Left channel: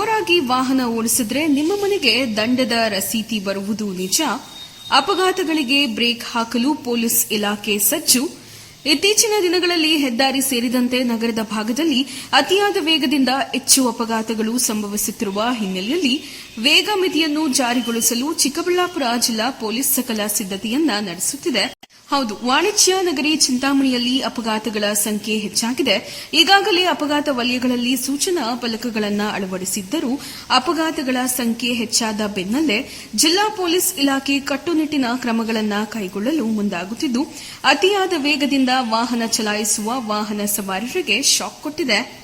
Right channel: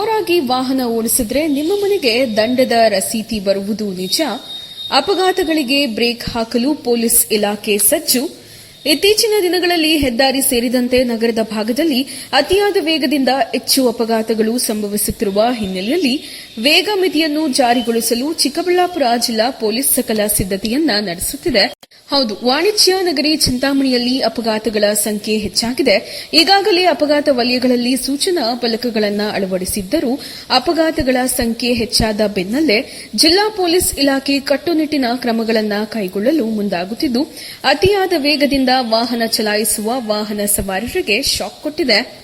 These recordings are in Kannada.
ಜೋರಾಗಿ ವಾಹನ ಓಡಿಸಿದ್ರೆ ನಿಮ್ಮ ಮನೆಗೆ ದಂಡದ ರಸೀತಿ ಬರುವುದು ನಿಜ. ಅಪಘಾತಗಳಿಗೆ ಬ್ರೇಕ್ ಹಾಕಲು ಪೊಲೀಸ್ ಇಲಾಖೆ ಸಜ್ಜು. ಇತ್ತೀಚಿನ ದಿನಗಳಲ್ಲಿ ಹೆದ್ದಾರಿ ಸೇರಿದಂತೆ ನಗರದ ಭಾಗದಲ್ಲಿ ಅತಿಯಾದ ವೇಗದಿಂದ ಹೆಚ್ಚು ಅಪಘಾತಗಳು ಸಂಭವಿಸುತ್ತಿರುವ ಹಿನ್ನೆಲೆಯಲ್ಲಿ ವೇಗ ಮಿತಿಯನ್ನು ಜಾರಿಗೊಳಿಸಲು ಚಿಕ್ಕಬಳ್ಳಾಪುರ ಜಿಲ್ಲಾ ಪೊಲೀಸ್ ಸಕಲ ಸಿದ್ದತೆಯನ್ನ ನಡೆಸುತ್ತಿದೆ. ಹೌದು, ವಾಣಿಜ್ಯ ನಗರಿ ಚಿಂತಾಮಣಿಯಲ್ಲಿ ಅಪಘಾತಗಳ ಸಂಖ್ಯೆ ಹೆಚ್ಚಾಗಿದೆ. ಈಗಾಗಲೇ ಅಪಘಾತ ವಲಯಗಳಲ್ಲಿ ಸೂಚನಾ ಫಲಕಗಳನ್ನು ಅಳವಡಿಸಿದ್ದರೂ ಅಪಘಾತಗಳ ಸಂಖ್ಯೆ ಹೆಚ್ಚಾದ ಬೆನ್ನಲ್ಲೇ ಜಿಲ್ಲಾ ಪೊಲೀಸ್ ಇಲಾಖೆ ಕಟ್ಟುನಿಟ್ಟಿನ ಕ್ರಮಗಳನ್ನು ಕೈಗೊಳ್ಳಲು ಮುಂದಾಗುತ್ತಿದ್ದು, ಅತಿಯಾದ ವೇಗದಿಂದ ವಾಹನ ಚಲಾಯಿಸುವ ವಾಹನ ಸವಾರರಿಗೆ ಶಾಕ್ ಕೊಟ್ಟಿದೆ.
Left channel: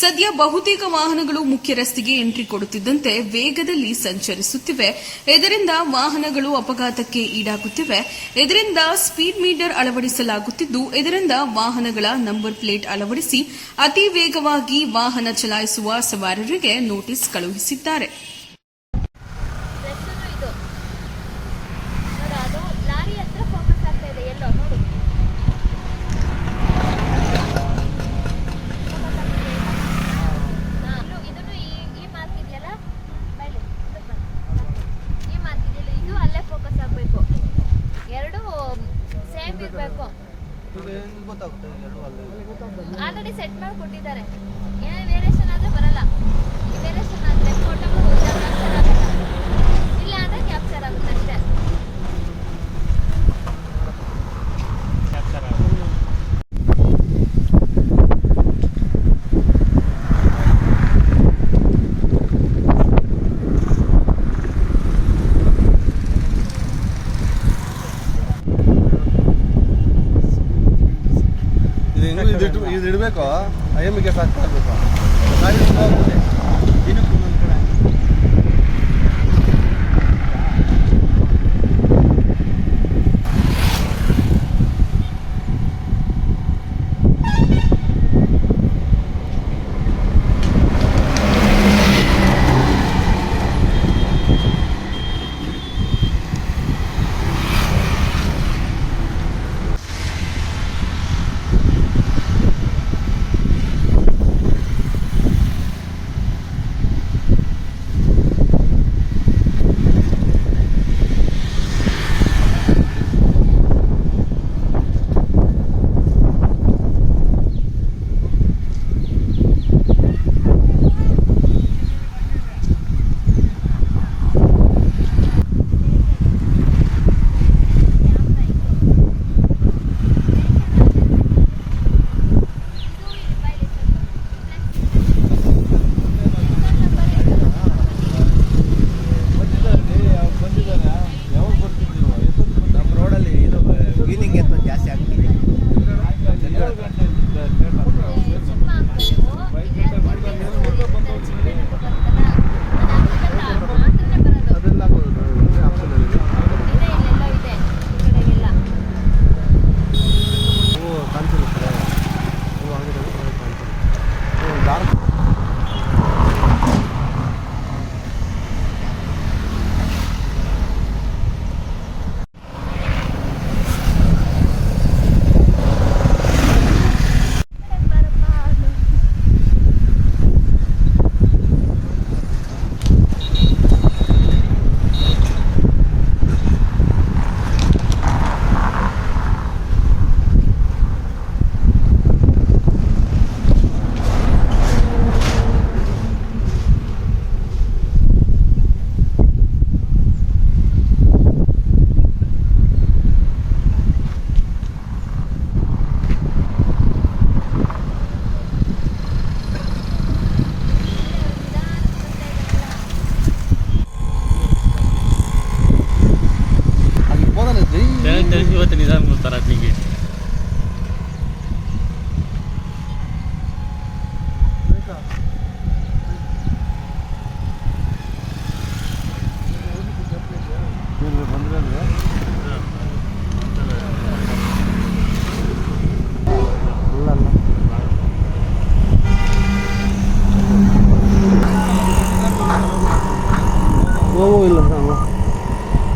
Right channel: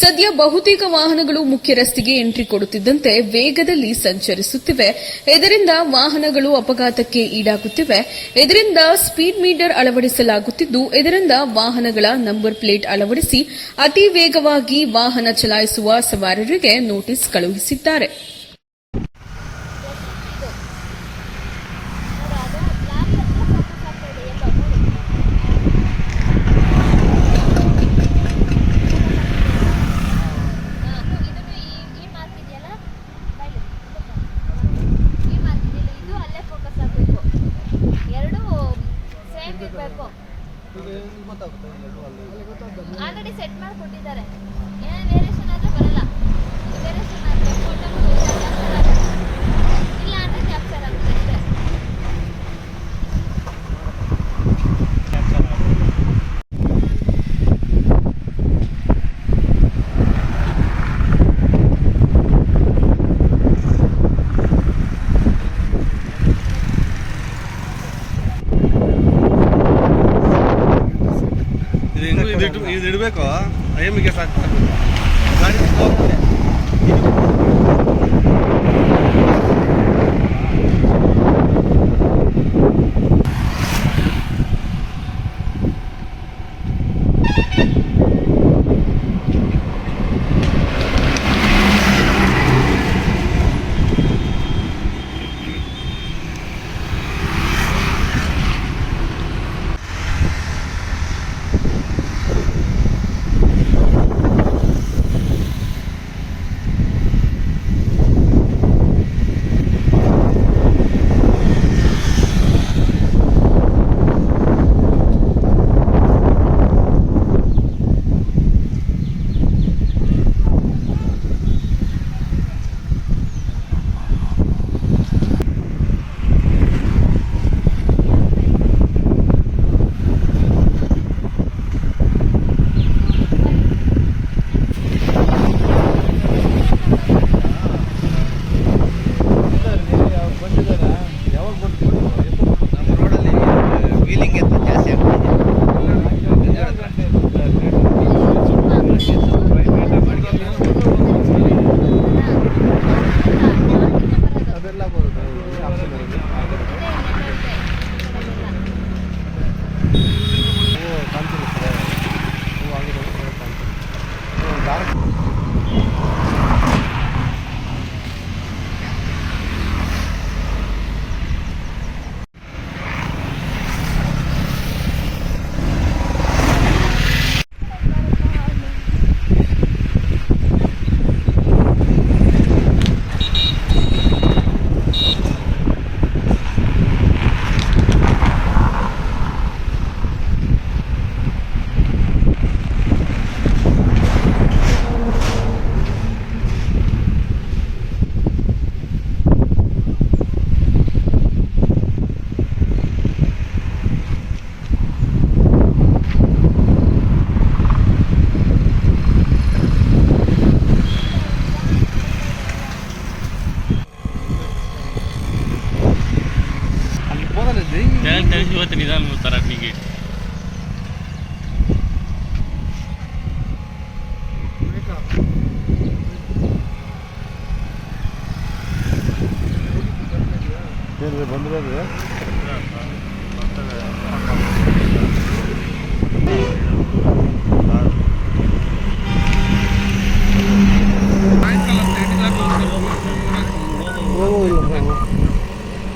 ಸದ್ಯ ಬಹುತೇಕ ವಾಹನಗಳು ಮುಖ್ಯ ರಸ್ತೆಗೆ ಎಂಟ್ರಿ ಕೊಡುತ್ತಿದ್ದಂತೆ ವೇಗದಲ್ಲಿ ಸಂಚರಿಸುತ್ತಿವೆ. ಇದರಿಂದ ವಾಹನಗಳು ಅಪಘಾತಕ್ಕೆ ಈಡಾಗುತ್ತಿವೆ. ಇದರಿಂದ ಸ್ಪೀಡ್ ಮೀಟರ್ ಅಳವಡಿಸಲಾಗುತ್ತಿದ್ದು, ಇದರಿಂದ ವಾಹನಗಳ ನಂಬರ್ ಪ್ಲೇಟ್ ಅಳವಡಿಸಿ ಅತಿ ವೇಗವಾಗಿ ವಾಹನ ಚಲಾಯಿಸುವ ಸವಾರರಿಗೆ ನೋಟಿಸ್ ಕಳುಹಿಸಿದ್ದಾರೆ. ಆಲ್ರೆಡಿ ಸೆಟ್ ಮಾಡಿ ಕೊಟ್ಟಿದ್ದಾರೆ. ಏನೇ ವೇರಿಯೇಷನ್ ಆದ್ರೆ ಬರಲ್ಲ. ವೇರಿಯೇಷನ್ ಇದು ಹೆಂಗು ಇದು ಇಟ್ಟು ಇದು ಇಡಬೇಕು ಐ ಎಮ್ಗೆ ಸಾಕ್ತಾ ಇರಬೇಕು ಗಾಡಿ ત્યાં ત્રણસો ત્રીસ સાલ મુસ્તારાકની ગેટ